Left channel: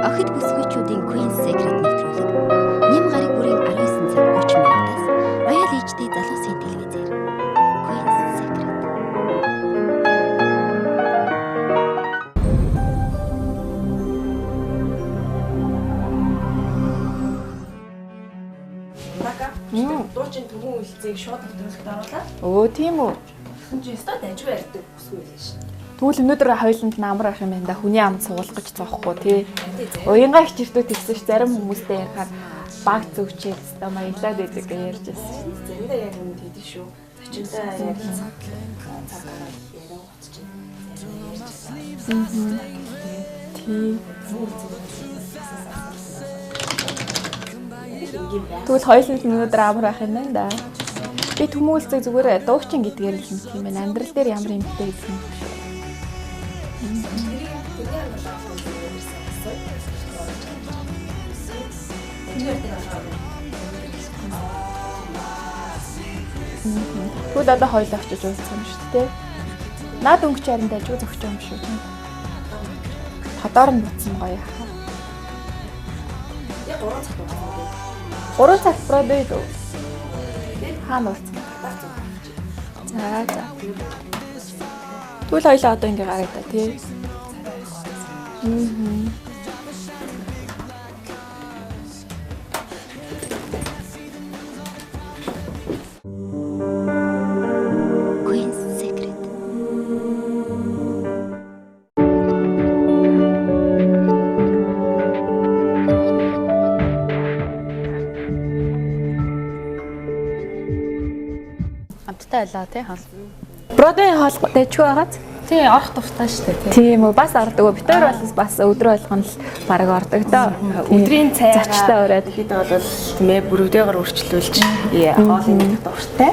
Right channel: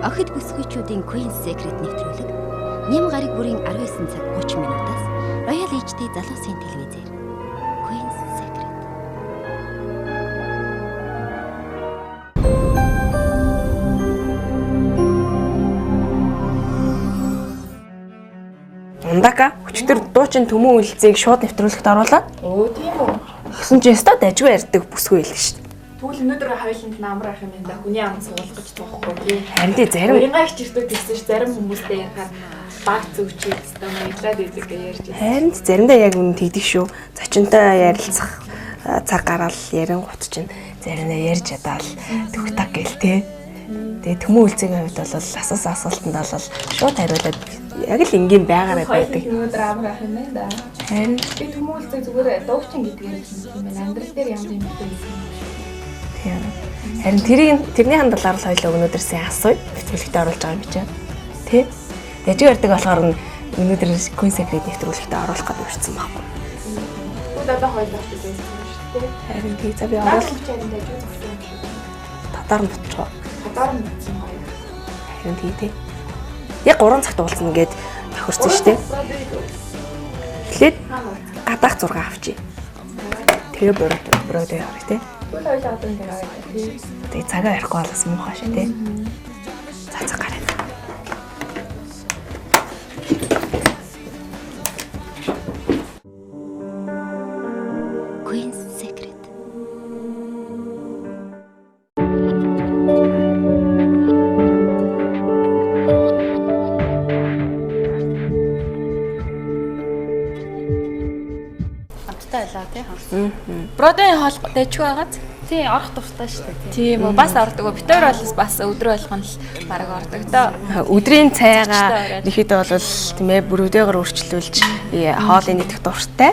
Охид бүсгүйчүүдийн Queen's Secret нэвтрүүлэг Ням гараг бүрийн 19 цаг 30 минутаас Royal HD залуусын телевизээр Queen's Secret. Ундака өчтөр дуучин төмөн үйлцгийг шууд нэвтрүүлэхт оруулаад. Өө тийм үү. Гэсэн чинь өстө дажгүй ярьдаг бүсгүй байлаа шүү дээ. Тэгвэл өнөөдөр хоёуланд намар ах юм да хүний ам суулгаж байгаа байхгүй тий. Харин тий зарим уянгаа хичирдүүд гэсэн ш зарим хүмүүстэй ярихаар баг зөвчөөл хэвээр маялаад байдаг гэж ярьж байна. харин заримдаа яг үн тэгдэг шүү. Зочинтой ярилцах цаг гараал ярингууд чинь заримдаа ярьж чадаал төгтаг гэл тий. Тэгээ төмөн үйлцгийн хувьд бол асуултанд бол шууд хариулаад яг л энгийн байгаад хоёуланд өнөөдөр амар ах юм байна да. Харин би төмөн үйлцэг зүгээр дуучин гэдгээр л юм байна. Амьдрал дээр ямар юм бэ гэсэн юм шиг. Харин тэрний хандлагаар л хоёул өнөөдөр сайн асууя. Нэвтрүүлэгт оруулж байгаа юм чинь. Тэ? Дажгүй ярддаг болохоор өнөөдөр Queen's Secret нэвтрүүлэгт оруулах гэж ирсэн байна. Бүгд одоо хоёул очиж үзсэн юм шүү дээ. Харин тий цаг яа. Наад өнгөч харин дажгүй зогсож юм шүү. Татаар мутчихоо. Татаар мутсан гоё. Харин тий. Яг 3 цагт уулзна гээд тохирсон шүү дээ. Тэгэхээр гадаах 6 авчи. Тэгээ буруу явах тий. Тэгвэл хоёлаа одоо ингэ гараад тий. Тэгээ цагаа ярихгүй болсон юм хаа шүү тий. Цаг гараад. Queen's Secret. Амттай байлаа тий хаа. Бродын хоол дайчгүй байгааз. Тий орох дуртай шүү дээ. Тийм үү бас ордог. Бид хоёр бас өдрөө болгоно л баг ордог доо. Өдрийн цайгаа ихэд бол тийм ээ бүрөөгөр өөрчлүүлж хоолыг нэгдэх дуртай.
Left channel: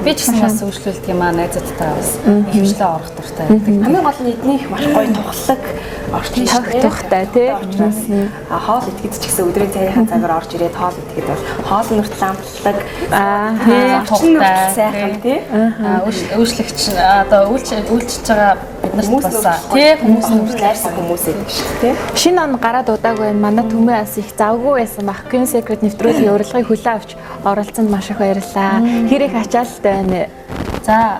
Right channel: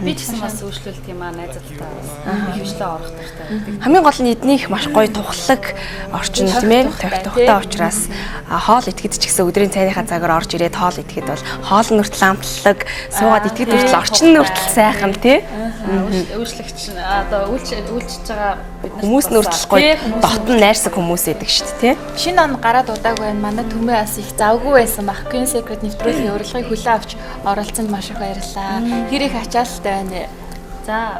Би ч гэсэн бас өөрчлөлт юм аа найзуудтай бас хөвчлөө орох дуртай. Хамгийн гол нь эднийх маш гоё тухлаг орчин тийм ээ. Тухтай учраас хоол идэхэд ч гэсэн өдрийн цайнхаа цагаар орж ирээд хоол идэхэд бол хоолны хүртэл амтлаг суугаад идэхэд орчин нь хүртэл сайхан тий. Өөрчлөгч одоо үйлчилж байгаа бид нар Хүмүүс нүртлэхгүй дотн найрсаг хүмүүс идэг шүү дээ тий. Шинэ он гараад удаагүй байна. Манай төмөө бас их завгүй байсан баг. Queen's Secret нэвтрүүлгийн урилгыг хүлээн авч оролцсонд маш их баярлалаа. Хэр их ачаалттай байна. За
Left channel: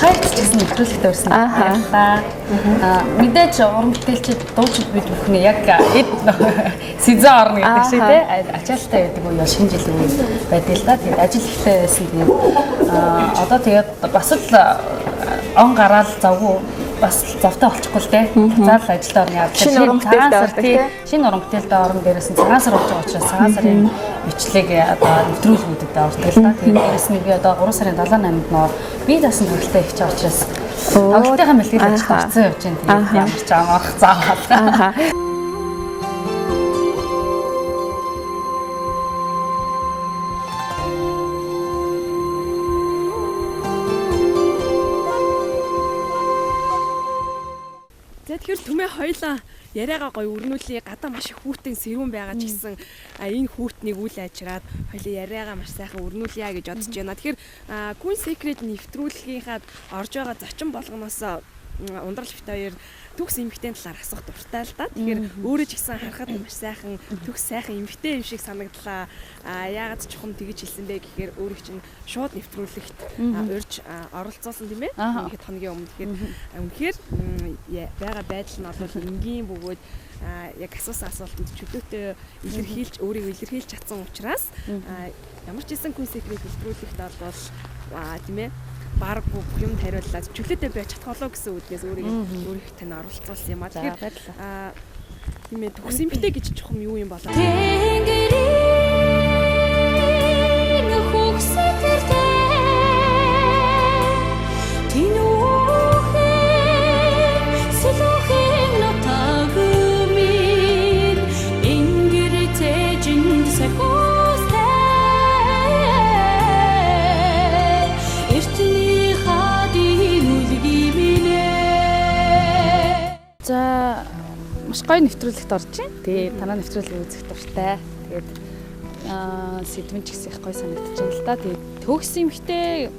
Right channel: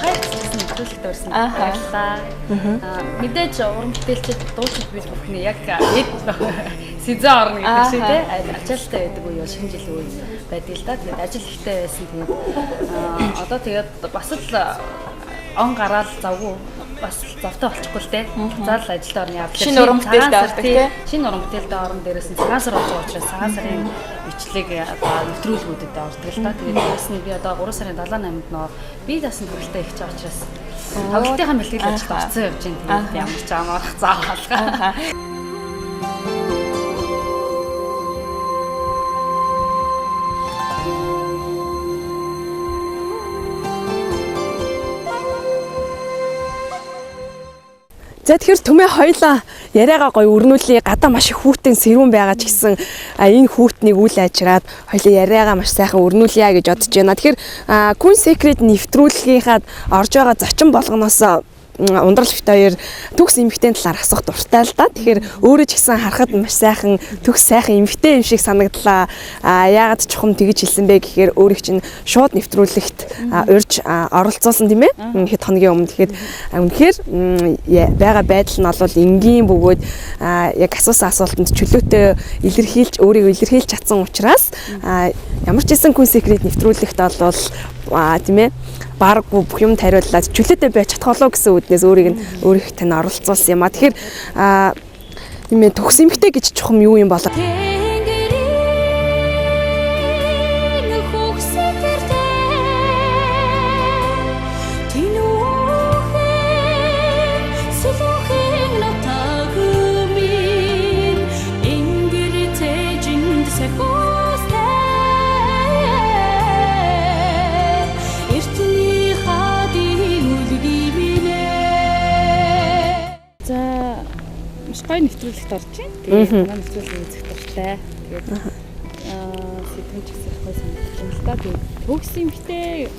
хайрцсан нэвтрүүлэгт өрсөн. Баярлалаа. Мэдээж уран бүтээлчид дуучид бид бүхний яг сезон орно гэдэг шиг тий. Ачаалттай байдаг нь шинэ жилийн үед байдаг л да. Тэгээд ажил ихтэй байсан тийм. Одоо тэгээд бас л он гараад завгүй бас завтай болчихгүй л дээ. Заал ажилдаа орно явж. Шинэ уран бүтээлтэй ордог тий. Шинэ уран бүтээлтэй орон дээрээс нь цагаан сар болж байгаа учраас цагаан сарын бичлэг одоо нэвтрүүлгүүдэд ордог л да. Тэрээс нь би одоо 3 сарын 7-8-нд нөө би дасан хүрэлтэй их чаа учраас октодынхаа бэлтгэл ажилд орцсон явж байна. Тэгээд ямар ч амарх заавал. За тэгэхээр төмөө хоёлаа яриагаа гоё өрнүүлээ. Гадаа маш их хүүтэн сэрүүн байгаа ч гэсэн энэ хүүтнийг үл ажраад хоёлаа яриагаа маш сайхан өрнүүлье гэж бодож байна. Тэгэхээр Queen's Secret нэвтрүүлгийнхаа орж байгаа зочин болгоноос ундрал бит хоёр төгс эмэгтэй талаар асуух дуртай л да. Тэгэхээр өөрөө ч гэсэн харахад маш сайхан төгс сайхан эмэгтэй юм шиг санагдлаа. Яагаад чухам тэгж хэлсэн бэ гэхээр өөрийг чинь шууд нэвтрүүлэгт урьж оролцуулсан тийм ээ. Хэд хоногийн өмнө тэгэхээр үнэхээр байгаа байдал нь бол энгийн бөгөөд яг асуусан асуултанд чөлөөтэй илэрхийлж өөрийгөө илэрхийлж чадсан учраас ямар ч гэсэн Queen's Secret нэвтрүүлэгт бол тийм ээ баг бүх юм тариуллаад чөлөөтэй байж чадах болоо гэсэн үднээс өөрийг тань оролцуулсан юм а. Тэгэхээр тийм ээ төгс эмхтэй гэж чухам юу юм болоо. Гоё нэвтрүүлэгт орж байна. Тэгээд манай нэвтрүүлгийг үзэх дуртай. Тэгээд сэдвэн ч гэсэн их гоё санагдаж байна л да. Тэгээд төгс эмхтэй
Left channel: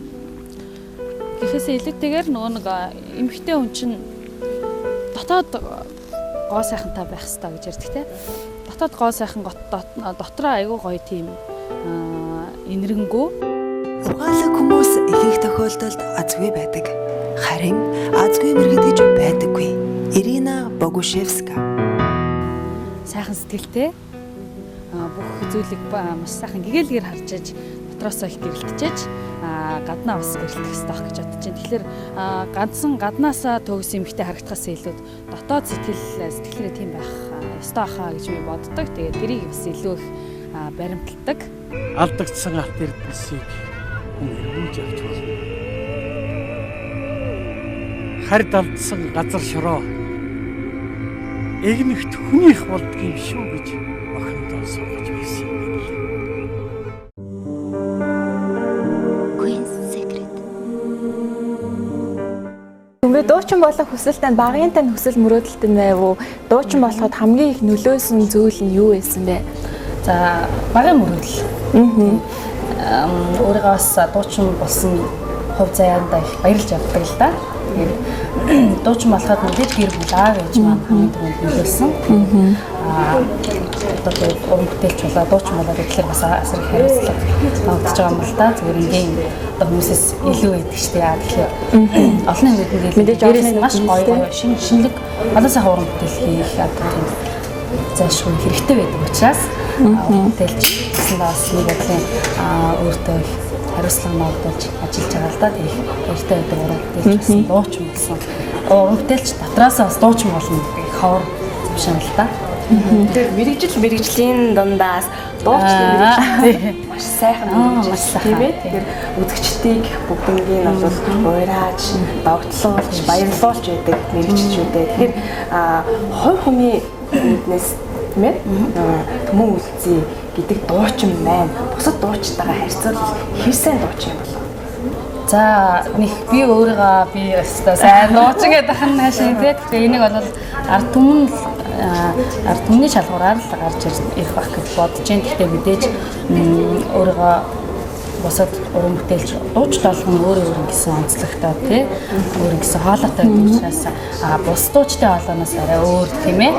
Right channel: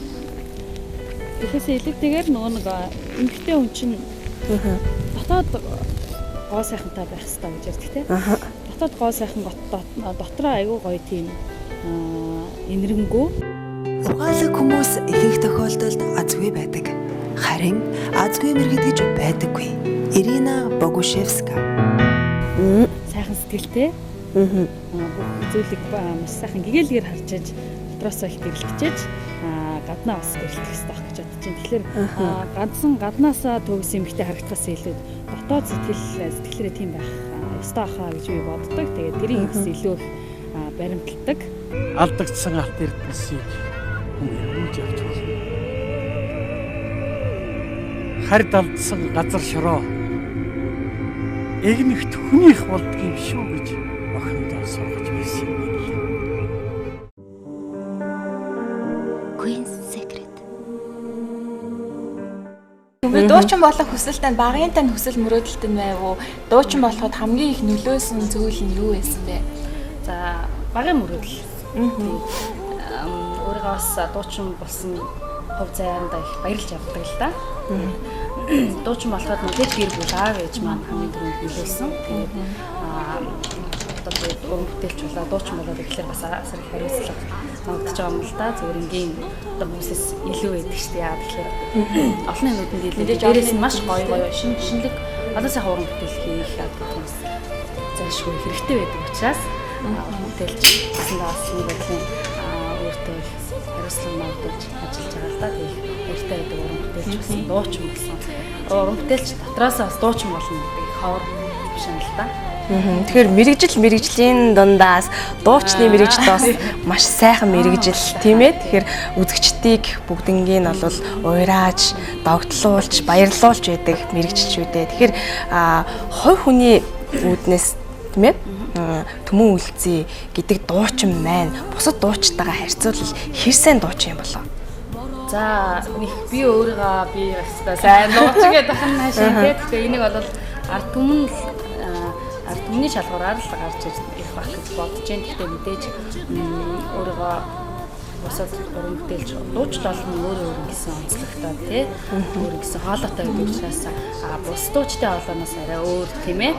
гэхээсээ илүүтэйгээр нөгөө нэг эмхтэй хүн чинь дотоод гоо сайхантай байх хэрэгтэй гэж ярьдаг те. Дотоод гоо сайхан дотроо айгүй гоё тийм инэрэнгүү. Ухаалаг хүмүүс ихэнх тохиолдолд азгүй байдаг. Харин азгүй мэргэд гэж байдаггүй. Ирина Богушевска. Сайхан сэтгэлтэй. Бүх зүйлийг маш сайхан гэгээлгээр харж аж дотроосоо их гэрэлтжээж гаднаа бас гэрэлтэх хэрэгтэй байх гэж бодож байна. Тэгэхээр гаднаасаа төгс эмхтэй харагдахаас илүү дотоод сэтгэлээрээ тийм байх ёстой хаа гэж би боддог. Тэгээд тэрийг бас илүү их баримталдаг. Алдагдсан алт эрдэнсийг хүн эргүүлж авч болно. Хард алдсан газар шороо эгнэгт хүнийх болдгийм шүү гэж охиндоо сургаж байсан юм байна. Queen's Secret. Ингээ дуучин болох хүсэлтэй багын тань хүсэл мөрөөдөлтөнд байв уу? Дуучин болоход хамгийн их нөлөөсөн зүйл нь юу байсан бэ? За багын мөрөдөл. Өөрийгөө бас дуучин болсон хувь заяанда их баярлж авдаг л да. Дуучин болоход мэдээж гэр бүл гэж маань нөлөөлсөн. Одоо өмгтэлч болоо дуучин болоод тэгэхээр бас асар их хариуцлага тавьж байгаа юм л да. Зүгээр ингийн одоо хүмүүсээс илүү байдаг штэ яа тэгэхээр олон нийтэд мэдээж дээрээс маш гоё шинэлэг одоо сайхан уран бүтээл хийх одоо тийм зайлшгүй хэрэгтэй байдаг учраас бүтээлч гэсэн бас нэг бодлын өөртөө хариуцлага ногдуулж ажиллаж байгаа л да. Тийм хэрэгтэй байдаг уран бүтээлч гэсэн дуучин болсон. Уран бүтээлч дотроосоо бас дуучин болно гэх ховор биш юм л да. Тэгэхээр мэрэгжлийн дундаас дуучны мэрэгжил бас маш сайхан мэрэгжил тийм ээ. Тэгэхээр үзэгчдийг бүгднийг нь бол уйрааж, догтлуулж, баярлуулж байдаг мэрэгчлүүдээ. Тэгэхээр хувь хүний үднэс тийм ээ. Төмөн үлцээ гэдэг дуучин маань бусад дуучтайгаа харьцуулбал хэрсэн дуучин юм болов? За нэг би өөрийгөө өстой сайн дуучин гэдэг ахын хаашаа тийм. Тэгэхээр энийг бол ард түмний шалгуураар л гарч ирэх байх гэж бодож байна. Гэхдээ мэдээж өөрийгөө босоод уран бүтээлч дууч болгон өөр гэсэн онцлогтой тийм өөр гэсэн хоолойтой учраас бус дуучтай хоолойноос арай өөр тийм ээ.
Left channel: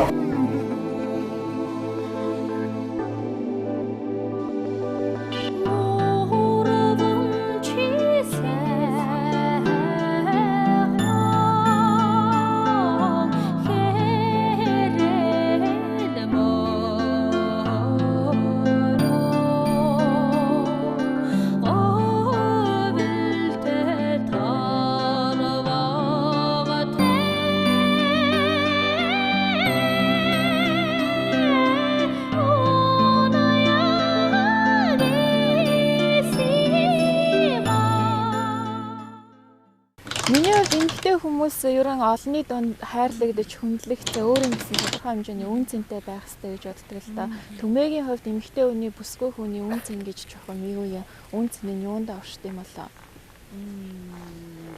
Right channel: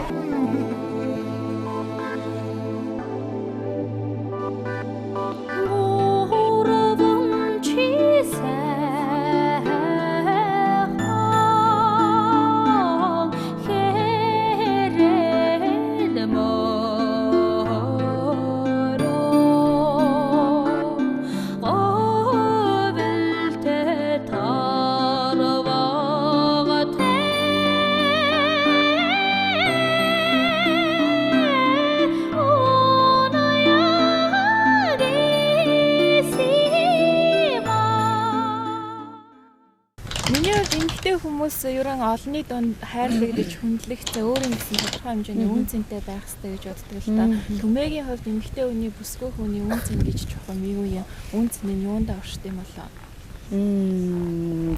Олонний донд хайрлагдаж хүндлэгдсэн өөр нэгэн тодорхой хэмжээний үн цэнтэй байх хэрэгтэй гэж боддог л та. Төмөгийн хувьд эмэгтэй хүний бүсгүй хүний үн цэн гэж чухал юу юм? Үн цэн нь юунд оршд юм болоо?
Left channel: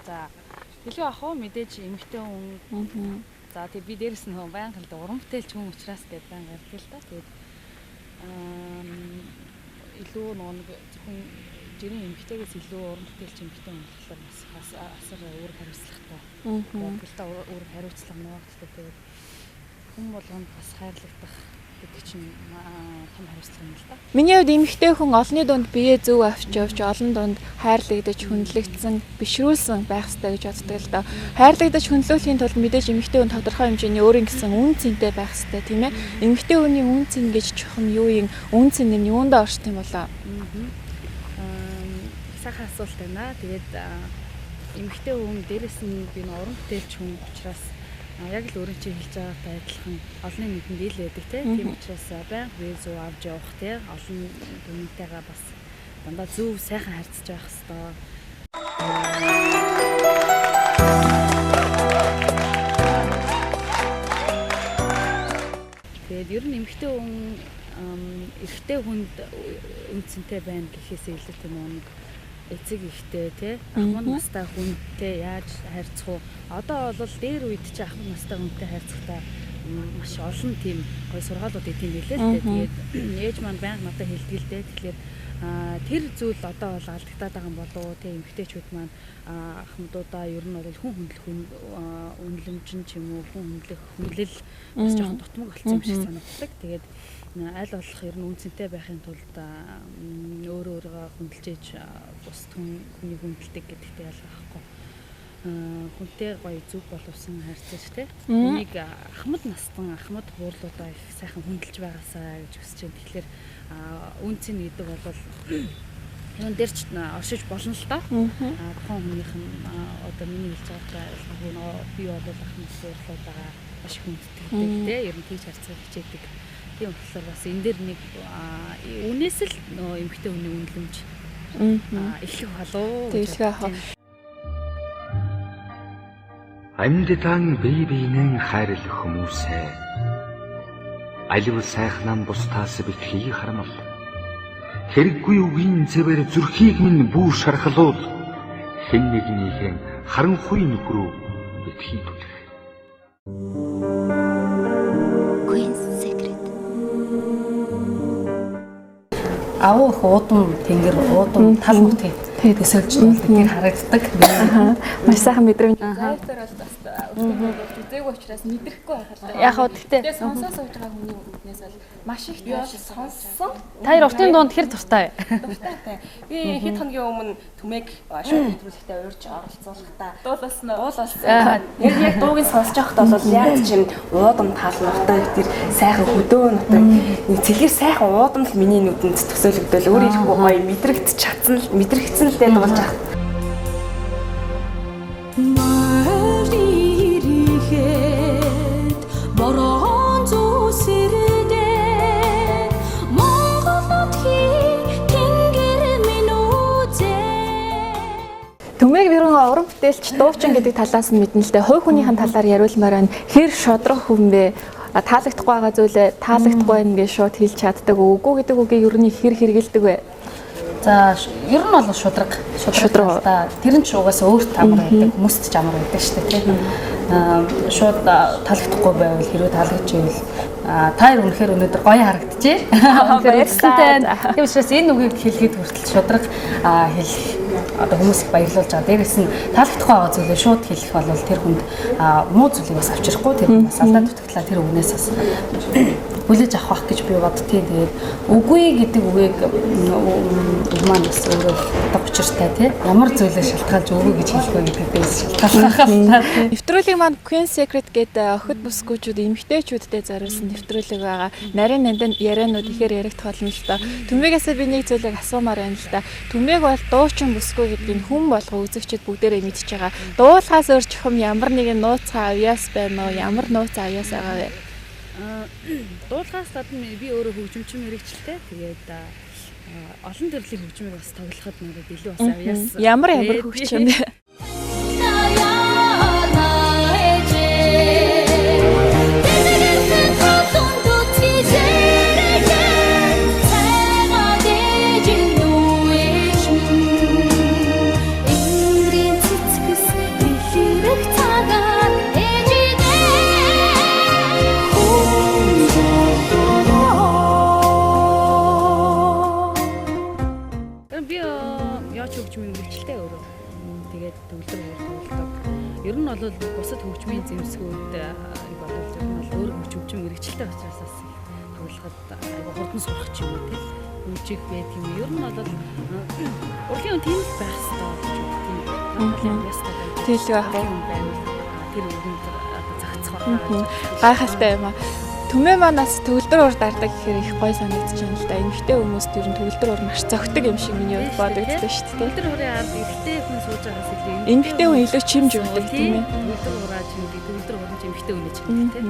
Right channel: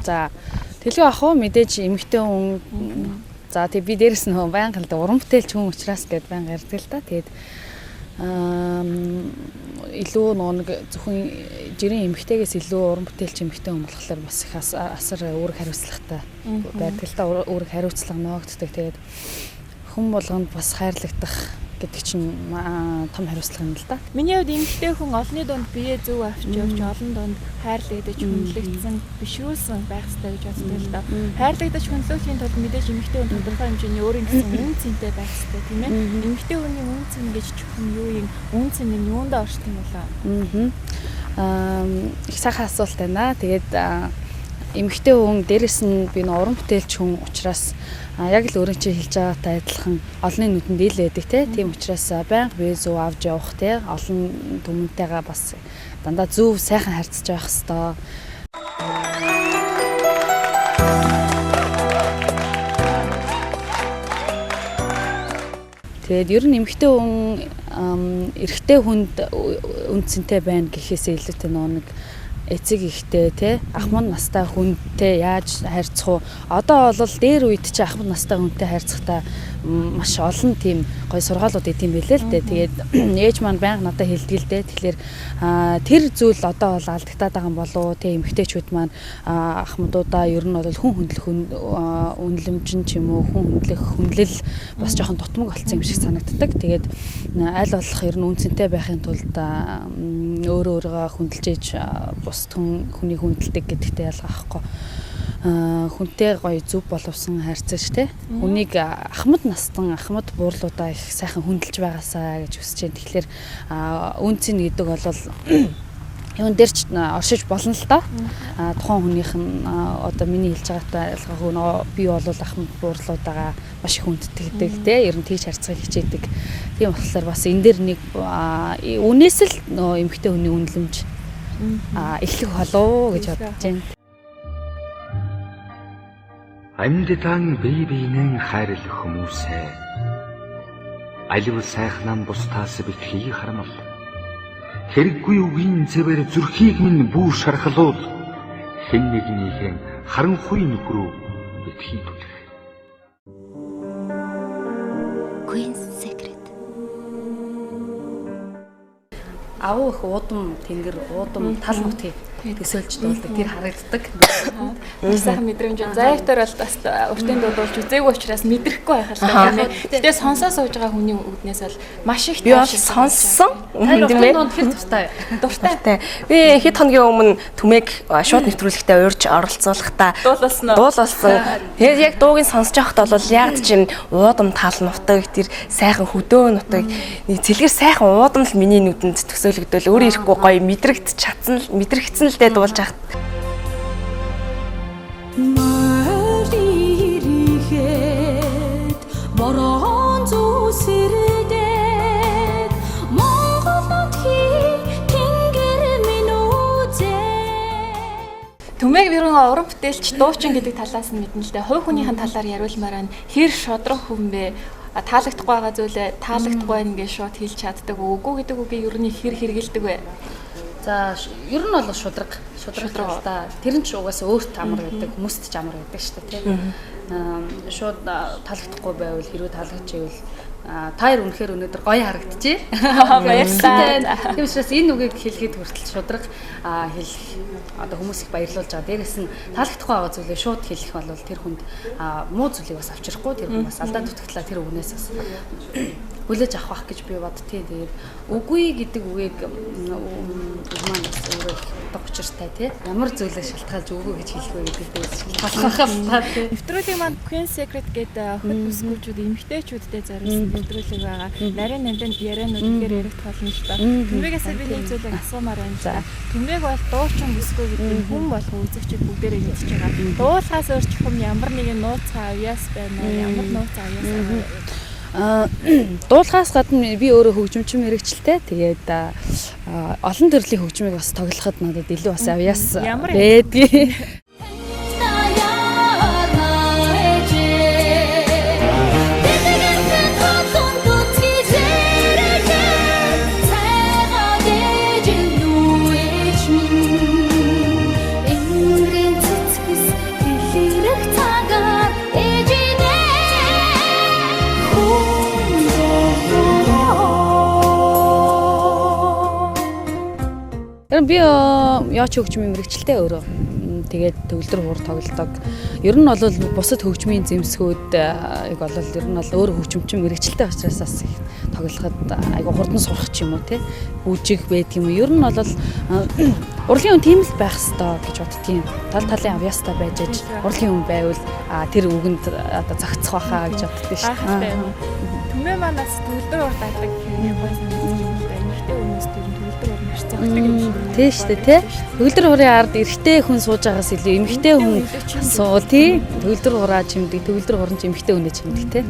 За тэлгүй ах уу мэдээж эмэгтэй хүн за тэг би дээрэс нь байнга л уран бүтээлч хүн учраас гээд байнга ярьдаг л та. Тэгээд илүү нэг зөвхөн жирийн эмэгтэйгээс илүү уран бүтээлч эмэгтэй хүн болохоор бас их асар үүрэг хариуцлагатай байдаг л та. Үүрэг хариуцлага ногддог. Тэгээд хүн болгонд бас хайрлагдах гэдэг чинь том хариуцлага юм л да. Миний хувьд эмэгтэй хүн олонний дунд бие зөв авч явж олон дунд хайрлагдаж хүндлэгдсэн бишрүүлсэн байх хэрэгтэй гэж боддог л да. Хайрлагдаж хүндлүүлэхийн тулд мэдээж эмэгтэй хүн тодорхой хэмжээний өөрийн гэсэн үн цэнтэй байх хэрэгтэй тийм ээ. Эмэгтэй хүний үн цэн гэж чухам юу юм? Үн цэн нь юунд оршд юм болоо? Их сайхан асуулт байна. Тэгээд эмэгтэй хүн дээрэс нь би уран бүтээлч хүн учраас яг л өөрөө чи хэлж байгаатай адилхан олонний нүдэнд ил байдаг тийм учраас байнга бие зөв авч явах тийм олон түмэнтэйгээ бас дандаа зөв сайхан харьцаж явах хэрэгтэй. Тэгээд ер нь эмэгтэй хүн эрэгтэй хүнд үнцэнтэй байна гэхээсээ илүүтэй нэг эцэг ихтэй тий ахмад настай хүнтэй яаж харьцах вэ? Одоо бол дээр үед чи ахмад настай хүнтэй харьцахдаа маш олон тийм гоё сургаалууд идэм билээ л дээ. Тэгээд ээж маань байнга надад хэлдэг л дээ. Тэгэхээр тэр зүйл одоо бол алдагтаад байгаа юм болоо те эмэгтэйчүүд маань ахмадуудаа ер нь бол хүн хөндлөх үнэлэмжин ч юм уу хүн хүндлэл бас жоохон дутмаг болсон юм шиг санагддаг. Тэгээд аль болох ер нь үнцэнтэй байхын тулд өөрөөгөө хүндэлж ээж бус хүний хүндэлдэг гэдэгтэй ялгаахгүй. Хүнтэй гоё зүв боловсон харьцаж те үнийг ахмад настан ахмад буурлуудаа их сайхан хүндэлж байгаасаа гэж хүсэж байна. Тэгэхээр үнцэн гэдэг бол юун дээр ч оршиж болно л доо. Тухайн хүнийх нь одоо миний хэлж байгаатай ялгаагүй би бол ахмад буурлуудаа маш их хүнддэг те ер нь тэгж харьцахыг хичээдэг. Тийм болохоор бас энэ дээр нэг үнээс л эмэгтэй хүний үнэлэмж эхлэх болов гэж бодож байна. Амьдтан бие биенэн хайрлах хүмүүсээ алив сайхнан бусдаас битгий харамл хэрэггүй үгийн зэвэр зүрхийг минь бүү шархлуул хэн нэгнийхэн харанхуй нүгрүү битгий түлэх. Queen's Secret. Авуу их уудам тэнгэр уудам тал нутгийн төсөөлж тэр харагддаг. Маш сайхан мэдрэмж. Зайгтар бол бас уртын дуулж үзээгүй учраас мэдрэхгүй байхаар яг хөө тэгтээ сонсоо сууж байгаа хүний үднээс бол маш их би бол сонссон. Уртын дунд тэр дуртай. дуртай. Би хэд хоногийн өмнө Түмээг шууд нэвтрүүлэгтээ уурж оролцуулахдаа дуулсан. Тэгээд яг дууг нь сонсож байхад бол яг чинь уудам тал нутаг тэр сайхан хөдөө нутаг цэлгэр сайхан уудам л миний нүдэнд төсөөлөгдөл өөр ирэхгүй гоё мэдрэгдсэн л дээ дуулж ахт. Борон зүсэрдэг Монголын тэнгэр минь үзээ. Түмээг би уран бүтээлч дуучин гэдэг талаас нь мэднэ л дээ. Хувь хүнийхэн талаар яриулмаар байна. Хэр шодрох хүн бэ? Таалагдахгүй байгаа зүйлээ таалагдахгүй ингээд шууд хэлж чаддаг. Үгүй гэдэг үгийг ер нь хэр хэрэгэлдэг вэ? За ер нь бол шудраг та тэр нь ч угаасаа өөрт амар байдаг хүмүүст ч амар байдаг шүү дээ тийм шууд таалагдахгүй байвал хэрвээ таалагдж ивэл та хоёр үнэхээр өнөөдөр гоё харагдчихэ баярлалаа. Тийм учраас энэ үгийг хэлгээд хүртэл шудраг хэлэх одоо хүмүүс их баярлуулж байгаа. Дээрээс нь таалагдахгүй байгаа зүйлээ шууд хэлэх бол тэр хүнд муу зүйлийг бас авчрахгүй тэр бас алдаа дутагдлаа тэр үгнээс бас хүлээж авах гэж би боддتي. Тэгээд үгүй гэдэг үгийг маань бас өөрөө одоо учиртай тийм ямар зүйлээ шалтгаалж үгүй гэж хэлэх вэ гэдэгээс шалтгаалах. Нэвтрүүлгийн маань Queen's Secret гэдэг охид бүсгүүчүүд эмэгтэйчүүдтэй зориулсан нэвтрүүлэг байгаа. Нарийн нандин ярианууд ихээр яригдах болно л доо. Түмээгээс би нэг зүйлийг асуумаар байна л да. Түмээг бол дуучин бүсгүй гэдэг хүн болго үзэгчид бүгдээрээ мэдж байгаа. Дуулахаас өөр чухам ямар нэгэн нууц авьяас байна уу? Ямар нууц авьяас байгаа вэ? Дуулахаас гадна би өөрөө хөгжимчин мэрэгчлээ. Тэгээд олон төрлийн хөгжмийг бас тоглоход надад илүү бас авьяас ямар хөгжим би яач хөгжмийн мэрэгчлээ өөрөө. Тэгээд төгөлдөр хуур тоглодог. Ер нь бол бусад хөгжмийн зэмсгүүд бол ер нь бол өөр хөгжимчин мэрэгчлээ учраас бас их тоглоход айгу хурдан сурах ч юм уу тий. Үжиг байдаг юм. Ер нь бол урлагийн хүн тийм л байх ёстой гэж боддгийн. Тал талын авьяастай байж урлагийн хүн байвал тэр үгэнд одоо загцах байхаа гэж боддог. Гайхалтай юм аа. Түмээ манаас төгөлдөр уур дардаг гэхээр их гоё санагдаж байна л да. Эмэгтэй хүмүүст ер нь төгөлдөр уур маш зөгтөг юм шиг байна. Тийм шүү дээ. Төгөлдөр уурын ард эрэгтэй хүн сууж байгаас илүү эмэгтэй хүн суул тий. Төгөлдөр уураа чимдэг, төгөлдөр уурын эмэгтэй хүнээ чимдэг тий.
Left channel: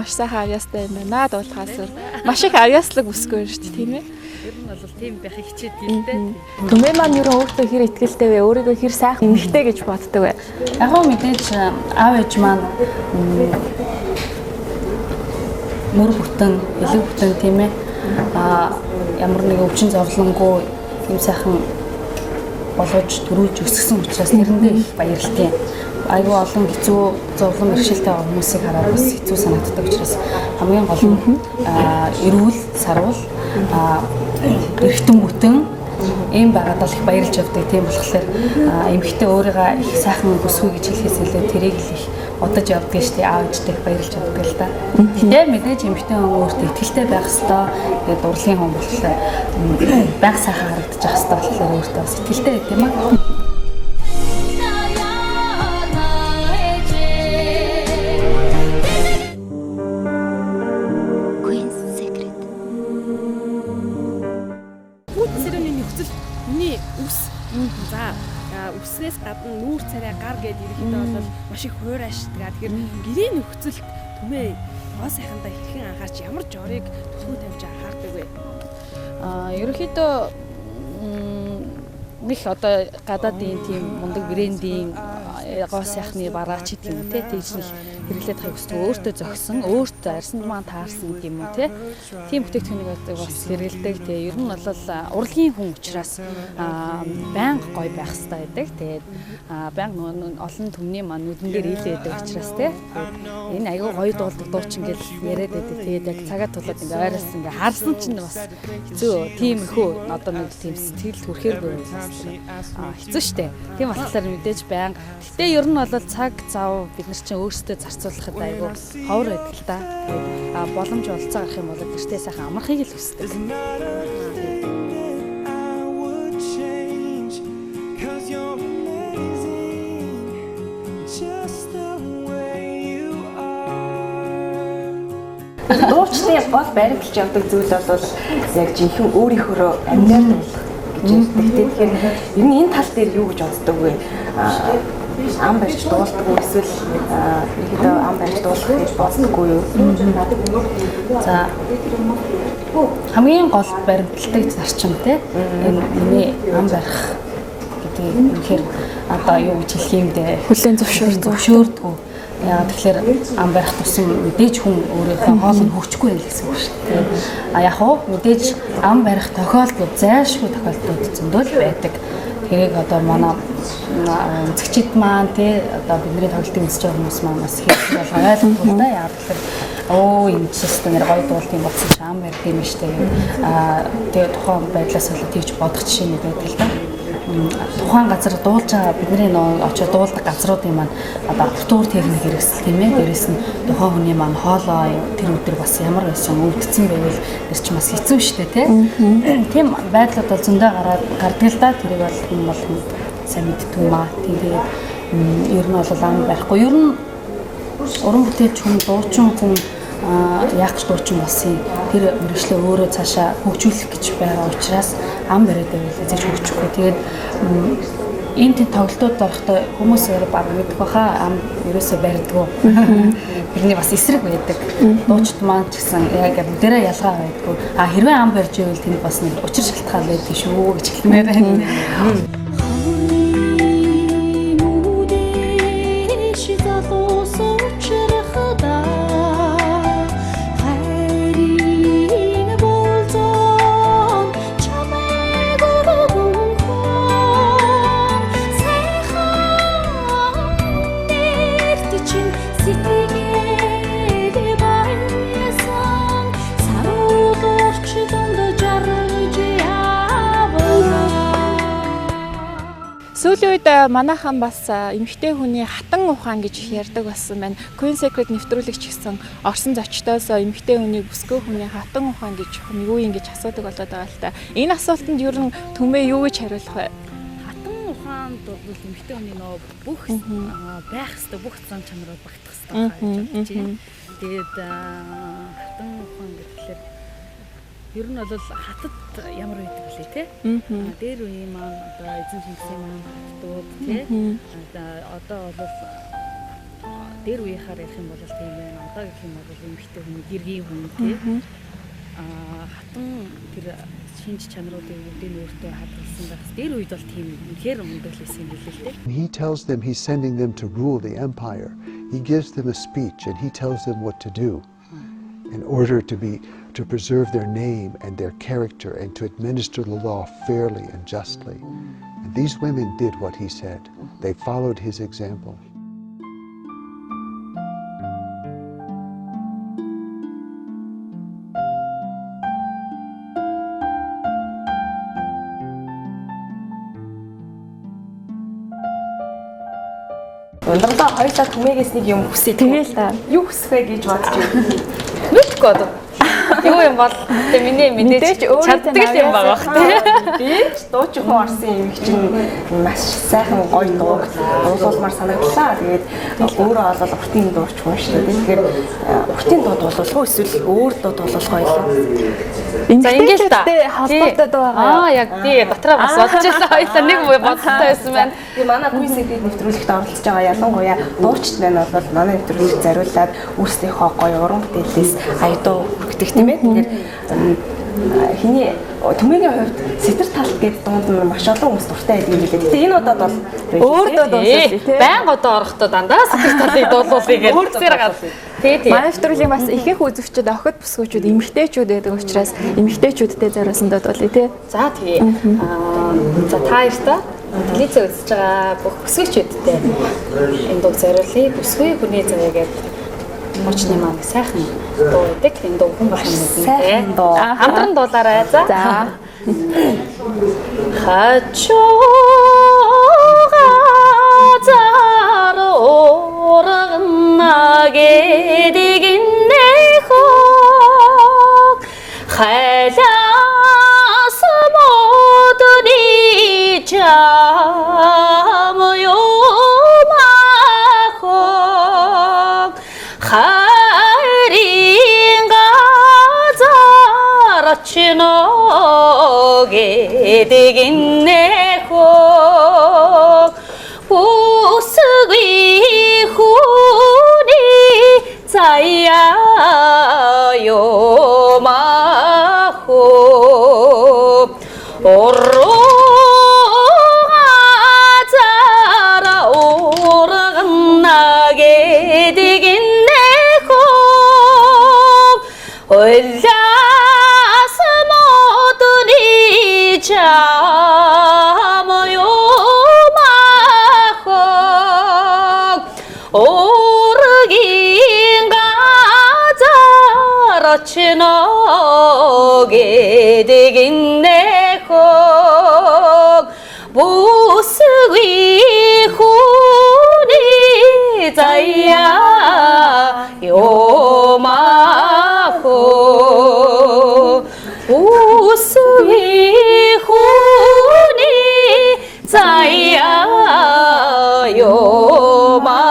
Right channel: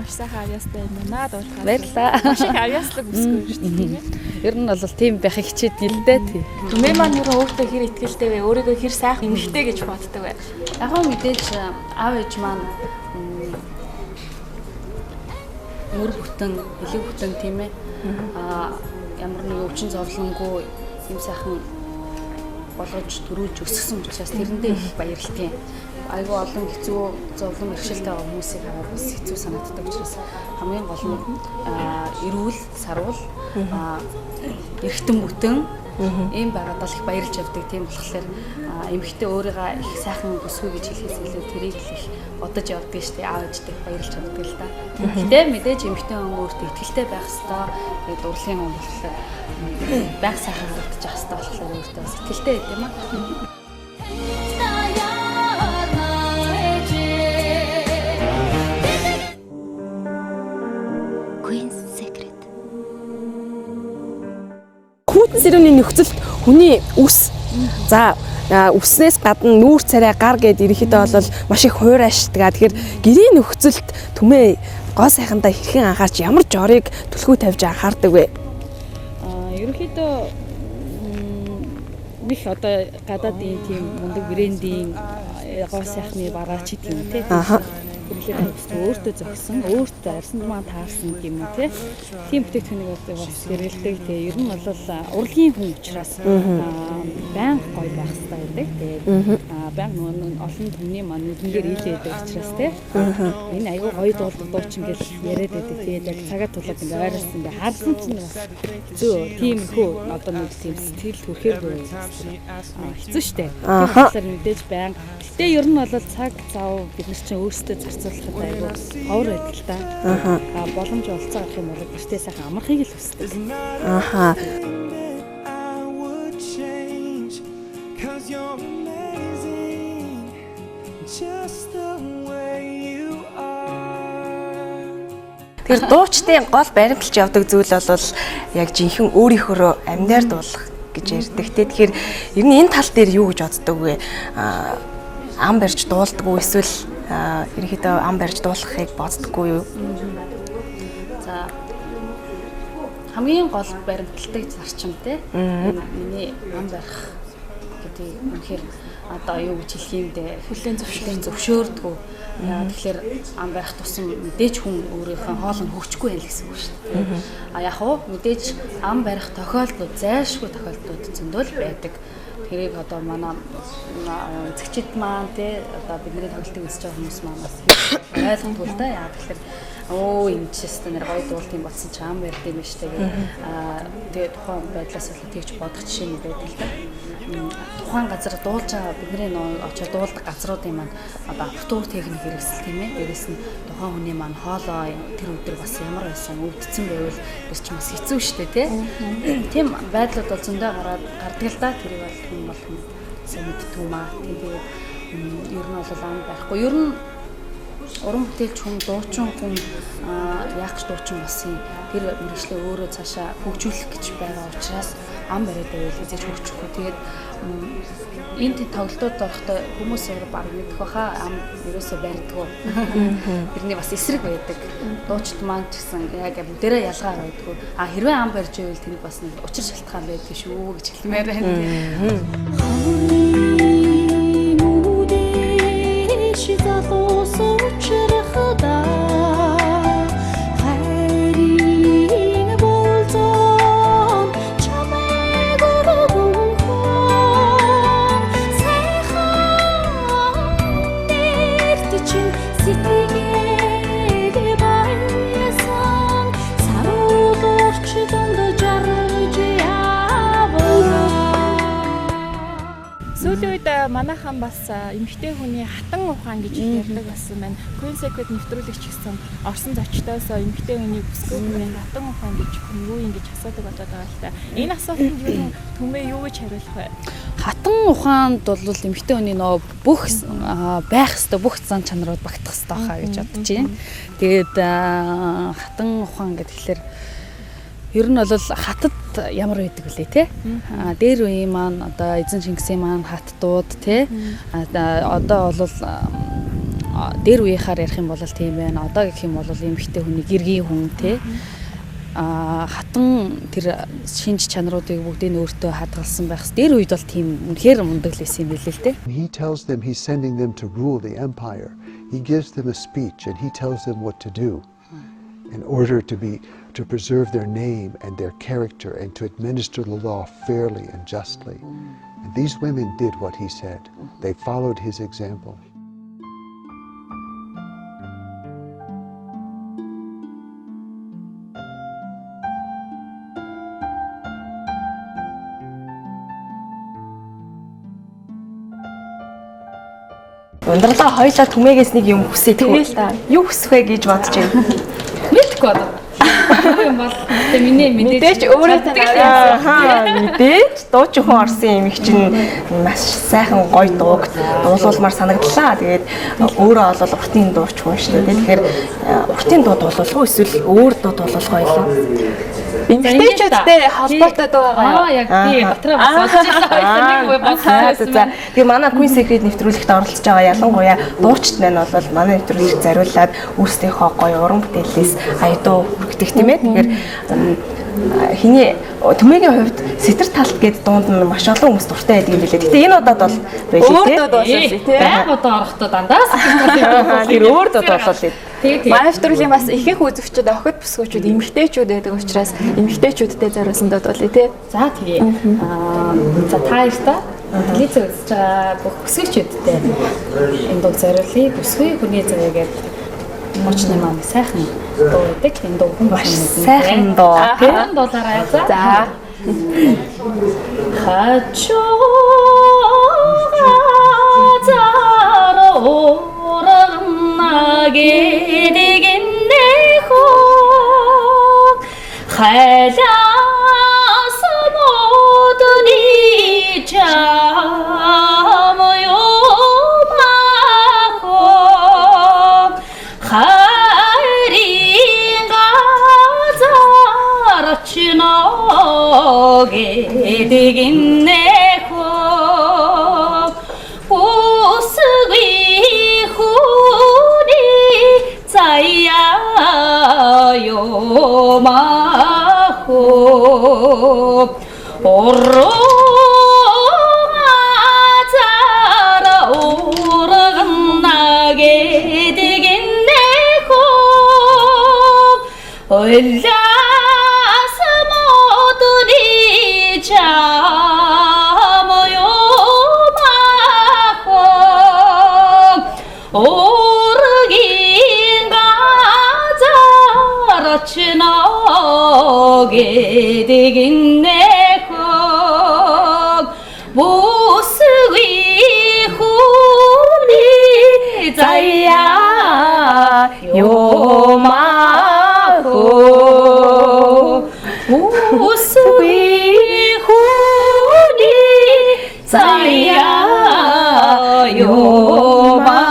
Маш сайхан авьяастай юм байна. Дуулахаас маш их авьяаслаг үсгүй шүү дээ тийм ээ. Ер нь бол тийм байхыг хичээд юм дээ тий. Түмээ маань ер нь өөртөө хэр ихтэй вэ? Өөрийгөө хэр сайхан эмэгтэй гэж боддог вэ? Яг гоо мэдээж аав ээж маань мөр бүтэн, элэг бүтэн тийм ээ. Ямар нэг өвчин зовлонгүй юм сайхан болгож төрүүлж өсгсөн учраас нэрэндээ их баярлалтай. айгүй олон хэцүү зовлон бэрхшээлтэй хүмүүсийг хараад бас хэцүү санагддаг учраас хамгийн гол нь эрүүл, сарвал, эргэтэн бүтэн ийм байгаад л их баярлж явдаг. Тийм болохоор эмэгтэй өөрийгөө их сайхан өсгөө гэж хэлэхээс илүү тэрийг л их бодож явдаг шүү дээ. Аав ээжтэй баярлж явдаг л да. Гэтэ мэдээж эмэгтэй хүн өөртөө ихтэй байх хэвээр тэгээд урлагийн хүн болохоор байг сайхан харагдаж явах хэвээр болохоор өөртөө бас ихтэй байт юм аа. Хүүтэн сэрүүний нөхцөлд хүний үс за үснээс гадна нүүр царай гар гэд ерөнхийдөө бол маш их хуурайшдаг. Тэгэхээр гэрийн нөхцөлд түмээ гоо сайхандаа хэрхэн анхаарч ямар жорыг түлхүү тавьж анхаардаг вэ? Ерөнхийдөө их одоо гадаадын тийм мундаг брендийн гоо сайхны бараач гэдэг юм тий. Хэрэглээд тавьсан өөртөө зогсон, өөртөө арьсанд маань таарсан юм уу тий. Тийм бүтээгдэхүүнийг бас хэрэглэдэг тий. Ер нь бол урлагийн хүн учраас байнга гоё байх хэрэгтэй байдаг. Тэгээд байнга олон түмний маань нүдэн дээр хэлээд учраас тий. Энэ аюу гоё дуучин гэж яриад байдаг. Тэгээд яг цагаат тулаад ингээ байраас ингээ харсан чинь бас зөө тийм хөө одоо нэг тийм сэтгэл төрхээр хэцүү штэ. Тийм болохоор мэдээж байнга. Гэтэ ер нь бол цаг зав бид нар чинь өөрсдөө зарцуулахад аюу ховор байдаг л та. Боломж олцоо гарах юм бол гэртээ сайхан амархыг л хүсдэг. Дуучтай гол баримталж явдаг зүйл бол яг жинхэнэ өөрийнхөө амьнаар дуулах гэж ярьдаг. Тэгэхээр ер нь энэ тал дээр юу гэж боддог вэ? Ам барьж дуулдаг уу эсвэл ерөөдөө ам барьж дуулахыг боддоггүй юу? За хамгийн гол баримталтай зарчим те энэ миний ам барих гэдэг юм. Тэгэхээр одоо юу гэж хэлэх юм бэ? Хүлээн зөвшөөрдөг. Яа тэгэхээр ам барих тусам мэдээж хүн өөрийнхөө хоолыг хөгжихгүй байл гэсэн үг шүү дээ. Яг хоо мэдээж ам барих тохиолдол зайлшгүй тохиолдлууд зөндөл байдаг. Тэрийг одоо манай зэгчид маань тий одоо бидний тоглолтын үзэж байгаа хүмүүс маань бас хэлж ойлгох да. Яа тэгэхээр энэ систем нэр гоё дуулт юм болсон ч ам барих юм шүү дээ. Тэгээ тухайн байдлаас болоод тийж бодох жишээ нэг байдаг л да. Тухайн газар дуулж байгаа бидний очоод дуулдаг газруудын маань одоо артур техник хэрэгсэл тийм ээ. Дээрээс нь тухайн хүний маань хоолой тэр өдөр бас ямар байсан үлдсэн байвал тэр чинь бас хэцүү шүү дээ тийм байдлууд бол зөндөө гардаг л да. Тэрийг бол хүн болгоно сайн мэддэг юм аа. Тэгээд ер нь бол ам байхгүй. Ер нь уран бүтээлч хүн дуучин хүн яг ч дуучин болсон тэр мөрөглөө өөрөө цаашаа хөгжүүлэх гэж байгаа учраас ам бариад байвал эзэж хөгжихгүй. Тэгээд энэ тоглолтууд орохдоо хүмүүс өөрөө баг мэдэх баха ам ерөөсөө барьдгүй. Тэрний бас эсрэг байдаг. Дуучид маань ч гэсэн яг дээрээ ялгаа байдгүй. Хэрвээ ам барьж байвал тэр бас нэг учир шалтгаан байдаг шүү гэж хэлмээр байна. Сүүлийн үед манайхан бас эмэгтэй хүний хатан ухаан гэж ярьдаг болсон байна. Queen Secret нэвтрүүлэгч гэсэн орсон зочдоос эмэгтэй хүний бүсгүй хүний хатан ухаан гэж юу юм гэж асуудаг болоод байгаа л та. Энэ асуултанд ер нь түмээ юу гэж хариулах вэ? Хатан ухаанд бол эмэгтэй хүний нөө бүх байх ёстой бүх зан чанарууд багтах ёстой хаа гэж бодож байна. Тэгээд хатан ухаан гэхэлэр ер нь бол хатад ямар байдаг вүлээ те. Дээр үеийн маань одоо эзэн Шингисийн маань хаттууд те. Одоо бол дээр үеийнхаар ярих юм бол тийм байна. Одоо гэх юм бол эмэгтэй хүний гэргийн хүн те. Хатан тэр шинж чанаруудыг бүгдийг өөртөө хадгалсан байх. Дээр үед бол тийм үнэхээр мундаг л байсан юм билээ л те. He tells them he's sending them to rule the empire. He gives them a speech and he tells them what to do in order to preserve their name and their character and to administer the law fairly and justly. And these women did what he said. They followed his example. Ундралаа хоёлаа түмээгээс нэг юм хүсээ. Тэгэл та. Юу хүсэх вэ гэж бодож байна. Мэдгүй одоо. Юу юм бол тэ миний Мэдээч өөрөөтэй Мэдээж дуучин хүн орсон юм их чинь маш сайхан гоё дууг дуулуулмаар санагдлаа. Тэгээд өөрөө бол уртын дууч хүн шүү дээ. Тэгэхээр уртын дуу дуулуулах уу эсвэл өөр дуу дуулуулах байлаа. эмэгтэйчүүдтэй холбоотой дуу байгаа. яг тий дотроо бас олчихсан хоёлаа нэг үе бодсон байсан. Тэгээ манай Queen Secret нэвтрүүлэгт оролцож байгаа ялангуяа дуучид маань бол манай нэвтрүүлэгт зориулаад өөрсдийнхөө гоё уран бүтээлээс аядуу хүргэх тийм ээ. Тэгэхээр хиний төмөгийн хувьд сэтэр талт гэдэг дуунд нь маш олон хүмүүс дуртай байдаг юм билээ. Гэтэ энэ удаад бол Өөр дуу дуулсан тий. Баян одоо орохдоо дандаа өөр дуу дуулсан. Тий. Манай нэвтрүүлгийн бас ихэнх үзэгчид охид бүсгүүчүүд эмэгтэйчүүд байдаг учраас эмэгтэйчүүдтэй зориулсан дуу дуулъя тий. За тэгээ. За та хоёртаа телевиз үзэж байгаа бүх бүсгүүчүүдтэй энэ дуу зориулъя. Бүсгүй хүний заяа гэдэг мочны маань сайхан дуу байдаг. Энэ дуу хүн маш сайхан дуу. Хэдэн дуулаарай за. За. Хачоо 나게 되겠네 호 갈라서 모든 이 잠요 마호 가린가 자라치나게 되겠네 호 우스귀 자야요 마호 오르가자라 오르간나게 되겠네 고 올라서 모든 이 잠요 마호 지나게 되겠네 꼭 무스위 후리 자야 요마고 무스위 후리 자야 요마고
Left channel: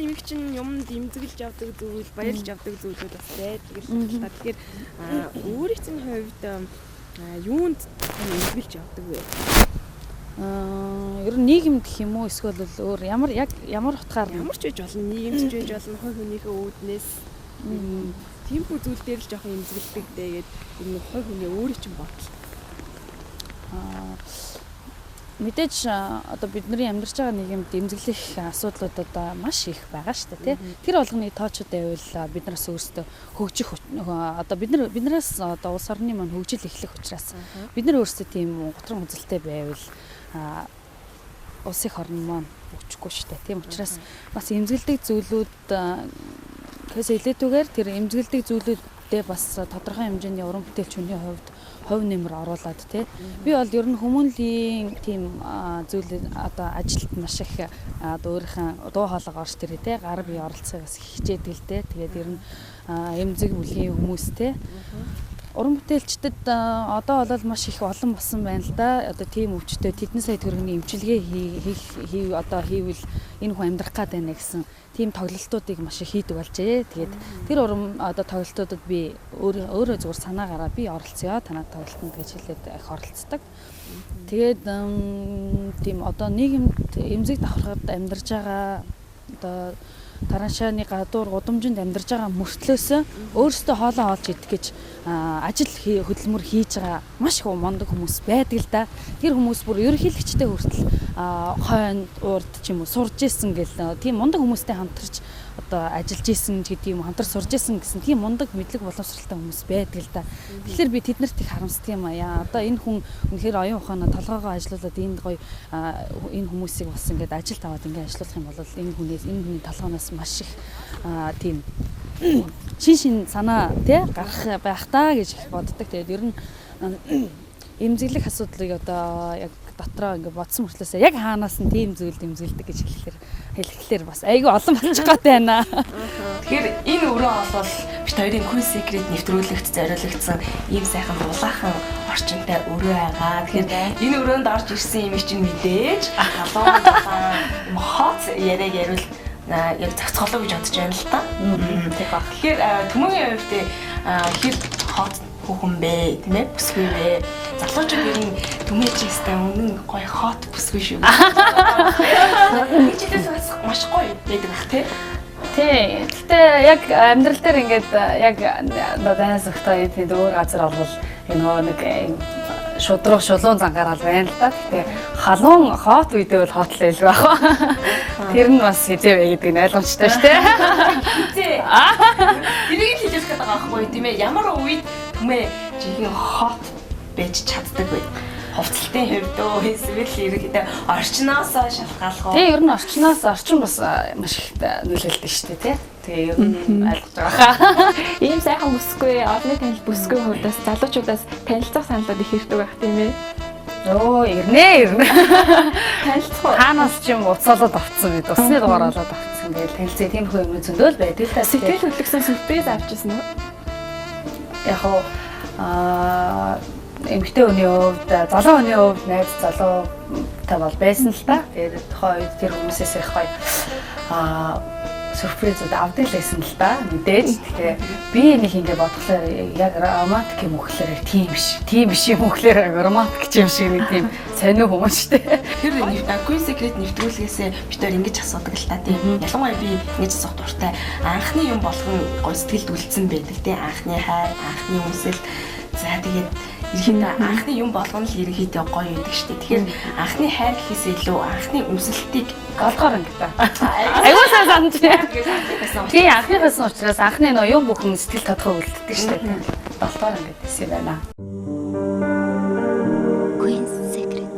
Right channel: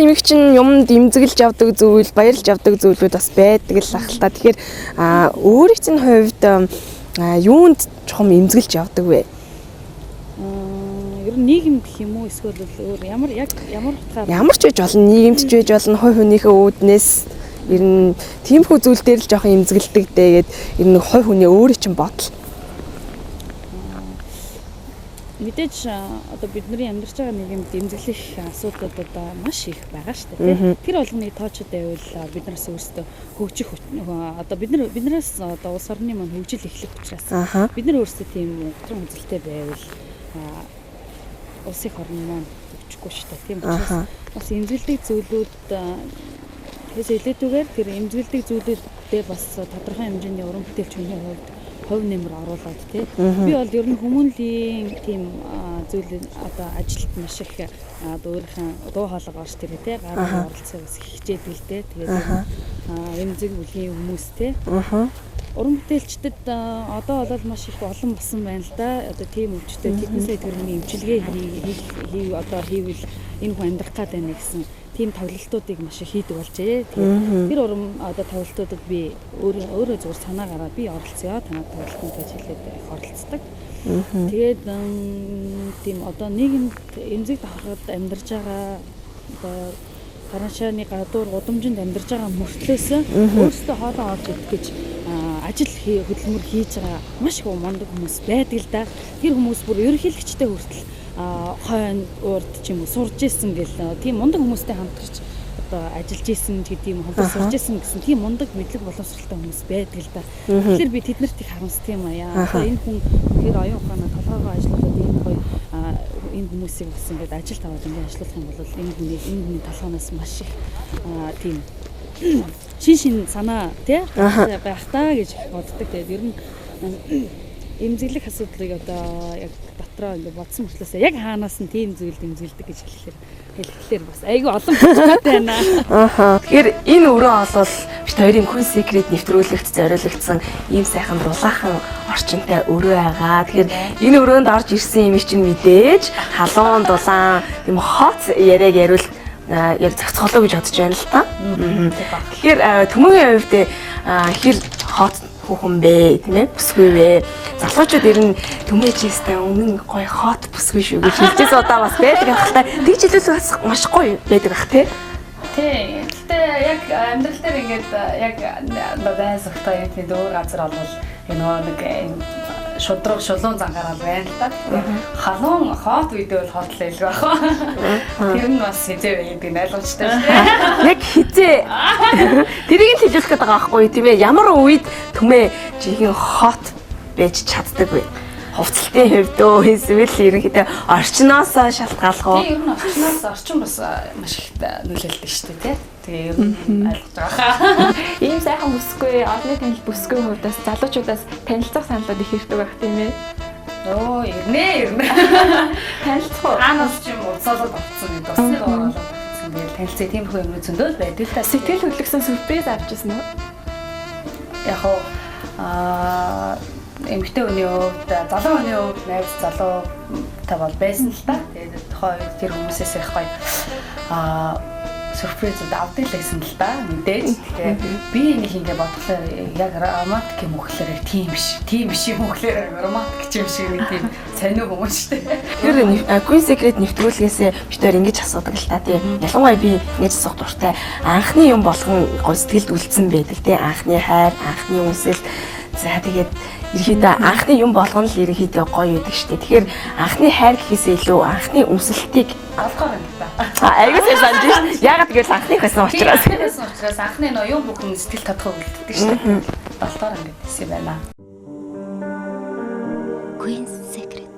Эмэгч нь юмд имзэглэж авдаг зүйл, баярлж авдаг зүйлүүд бас байдаг л ах л та. Тэгэхээр өөрийн чинь хувьд юунд чухам имзэглэж авдаг вэ? Ер нь нийгэм гэх юм уу эсвэл өөр ямар утгаар ямар ч үж болно, нийгэмд ч үж болно, хувь хүнийхээ үүднээс ер нь тиймэрхүү зүйл дээр л жоохон имзэглэдэг дээ гэд ер нь хувь хүний өөрийн чинь бодол. Мэдээж одоо бидний амьдарч байгаа нийгэмд имзэглэх асуудлууд одоо маш их байгаа шүү дээ. Тэр болгоныг тоочод байвал биднээс өөрсдөө хөгжих одоо биднээс одоо улс орны маань хөгжил эхлэх учраас бид нар өөрсдөө тийм готрон үзэлтэй байвал улсын орн маань хөгжихгүй шүү дээ. Тийм учраас бас имзэглэх зүйлүүд хэсэг илэтүүгээр тэр имзэглэх зүйлүүдээ бас тодорхой хэмжээний уран бүтээлчний хувьд хувь нэмэр оруулаад тий. Би бол ер нь хүмүүнлийн тийм зүйлийг одоо ажилд маш их өөрийнхөө дуу хоолой орж тэрэ тий гарын оролцоо бас хичээдэг л дээ. Тэгээд эмзэг бүлгийн хүмүүс тий. Уран бүтээлчдэд одоо бол маш их олон болсон байна л да. Одоо тийм өвчтөд тэдний сая тэрний эмчилгээ хийвэл энэ хүн амьдрах гээд байна гэсэн тийм тоглолтуудыг маш их хийдэг болжээ. Тэгээд тэр уран одоо тоглолтуудад би өөрөө зүгээр санаа гараад би оролцъё. Танай тоглолтод гэж хэлээд их оролцдог. Тэгээд тийм одоо нийгэмд эмзэг давхархад амьдарч байгаа одоо тараашааны гадуур гудамжинд амьдарч байгаа мөртлөөс өөрсдөө хоолоо олж идэх гэж ажил хөдөлмөр хийж байгаа маш их мондөг хүмүүс байдаг л да. Тэр хүмүүс бүр ерөнхийлөгчтэй хүртэл хойно урд ч юм уу сурж исэн гэл тийм мондөг хүмүүстэй хамтарч одоо ажиллаж исэн гэдэг юм хамтар сурж исэн гэсэн тийм мундаг мэдлэг боловсралтай хүмүүс байдаг л да. Тэгэхээр би тэднэрт их харамсдаг юм аа. Одоо энэ хүн үнэхээр оюун ухаанаа толгоогоо ажиллуулад энд гоё энэ хүмүүсийг бас ингээд ажил таваад ингээд ажиллуулах юм бол энэ хүний толгоноос маш их тийм шин санаа тий байх таа гэж боддог. Тэгээд ер нь эмзэглэх асуудлыг одоо яг дотроо ингээд бодсон мөртлөөсөө яг хаанаас нь тийм зүйл дэмзэлдэг гэж хэлэхлээр бас айгүй олон бичгээд байна. Тэгэхээр энэ өрөө олвол бид хоёрын Queen Secret нэвтрүүлэгт зориулагдсан ийм сайхан дулаахан орчинтай өрөө байгаа. Тэгэхээр энэ өрөөнд орж ирсэн юм чинь мэдээж халуун дулаан юм хот яриаг яриул яг зохицолоо гэж бодож байна л та. Тэгэхээр төмөгийн хувьд хэр хот хүн бэ тийм ээ бүсгүй вэ? Залуучууд ер нь төмөөжтэй өмнө гоё хот бүсгүй шүү гэж хэлж удаа бас байдаг. Тэгж хэлээс бас маш гоё байдаг ах тий. Тий. Гэтэ яг амьдрал дээр ингээд яг дайнс өгтөө тийм өөр газар олвол энэ нэг шудраг шулуун зангараад байна л да. Тэгээ халуун хот үедээ бол хот л байлгүй бах. Тэр нь бас хизээ байдаг ойлгомжтой шүү дээ. Яг хизээ. Тэрийг л хэлэх гээд байгаа байхгүй тийм ээ. Ямар үед төмөө жихэн хот байж чаддаг вэ? Хувцалтын хувьд эсвэл ерөнхийдөө орчноос шалтгаалх уу? Тийм ер нь орчин бас маш их нөлөөлдөг шүү дээ тий. Тэгээ ер нь ойлгож байгаа. Ийм сайхан бүсгүй, олонний танил бүсгүй хувьдаас залуучуудаас танилцах саналууд их ирдэг байх тийм ээ. Оо, ирнэ. Танилцах уу? Таамаас ч юм уцаалаад авцсан гэдэг. Усны дугаар болоод авцсан. Тэгэл танилцээ тиймэрхүү юм зөндөл байдаг л та. Сэтгэл хөдлөсөн сюрприз авчихсан уу? Яг эмэгтэй хүний хувьд, залуу хүний хувьд найз залуу та бол байсан л та. Тэгээд тэр хүмүүсээс их гоё сюрпризүүд авдаг л байсан л да. Мэдээж. Тэгэхээр би нэг ингэ бодглоо яг романтик юм өгөхлөөр тийм биш юм өгөхлөөр романтик юм шиг нэг тийм сонио хүмүүс шүү дээ. Тэр Queen Secret нэвтрүүлгээс бид хоёр ингэж асуудаг л та тийм. Ялангуяа би ингэж асуух дуртай. Анхны юм болгон гоё сэтгэлд үлдсэн байдаг тийм. Анхны хайр, анхны үнсэл. За тэгээд ерөнхийдөө анхны юм болгоно л ерөнхийдөө гоё байдаг шүү дээ. Тэгэхээр анхны хайр гэхээсээ илүү анхны үнсэлтийг голгоор ингэ та. Яг тэгээс анхны байсан учраас. Тийм анхны байсан учраас анхны нөө юм бүхэн сэтгэл тодхоо үлддэг шүү дээ. Голгоор ингэ гэсэн юм байна. Queen Secret.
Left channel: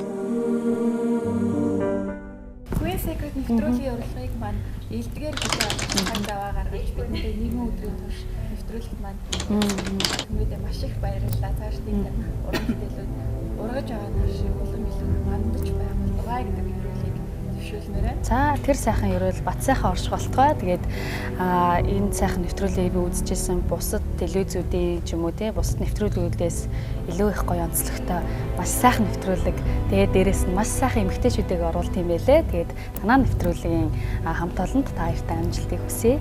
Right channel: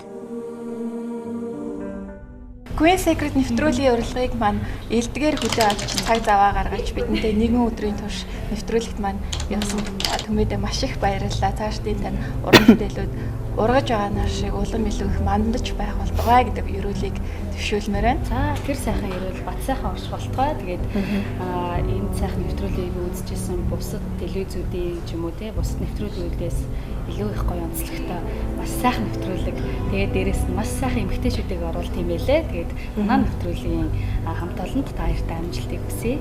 Queen Secret нэвтрүүлгийн урилгыг маань элдгээр хөдөө авч цаг заваа гаргаж бидэнтэй нэгэн өдрийн турш нэвтрүүлэгт маань явсан хүмүүдээ маш их баярлалаа. Цааш энэ уран бүтээлүүд ургаж байгаа нар шиг улам илүү их мандаж байх болтугай гэдэг ерөөлийг төвшүүлмээр байна. За тэр сайхан ерөөл бат сайхан орж болтугай. Тэгээд энэ сайхан нэвтрүүлгийг би үзчихсэн бусад телевизүүдийн ч юм уу те бусад нэвтрүүлгүүдээс илүү их гоё онцлогтой маш сайхан нэвтрүүлэг. Тэгээд дээрэс нь маш сайхан эмэгтэйчүүдийг оруулт юм байлээ. Тэгээд манай нэвтрүүлгийн хамт олонд та хоёртай амжилтыг хүсье.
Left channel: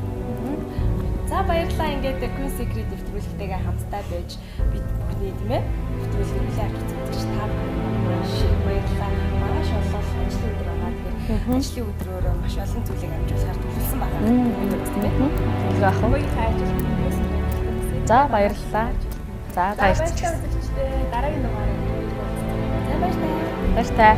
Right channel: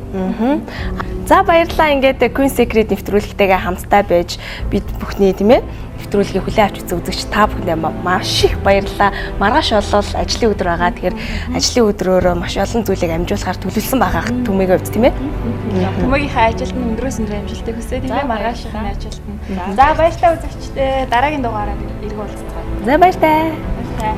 За баярлалаа. Ингээд Queen Secret нэвтрүүлэгтэйгээ хамтдаа байж бид бүхний тийм ээ нэвтрүүлгийг хүлээн авч үзэгч та бүхэндээ маш их баярлалаа. Маргааш болол ажлын өдөр байгаа. Тэгэхээр ажлын өдрөөр маш олон зүйлийг амжуулахаар төлөвлөсөн байгаа түмээгийн хувьд тийм ээ. Хүмүүгийнхээ ажилд нь өндрөөс өндөр амжилтыг хүсье. Тэгээд маргааш ажилд нь. За баярлалаа үзэгчдээ. Дараагийн дугаараар иргэн уулзцгаая. За баяртай. Баяртай.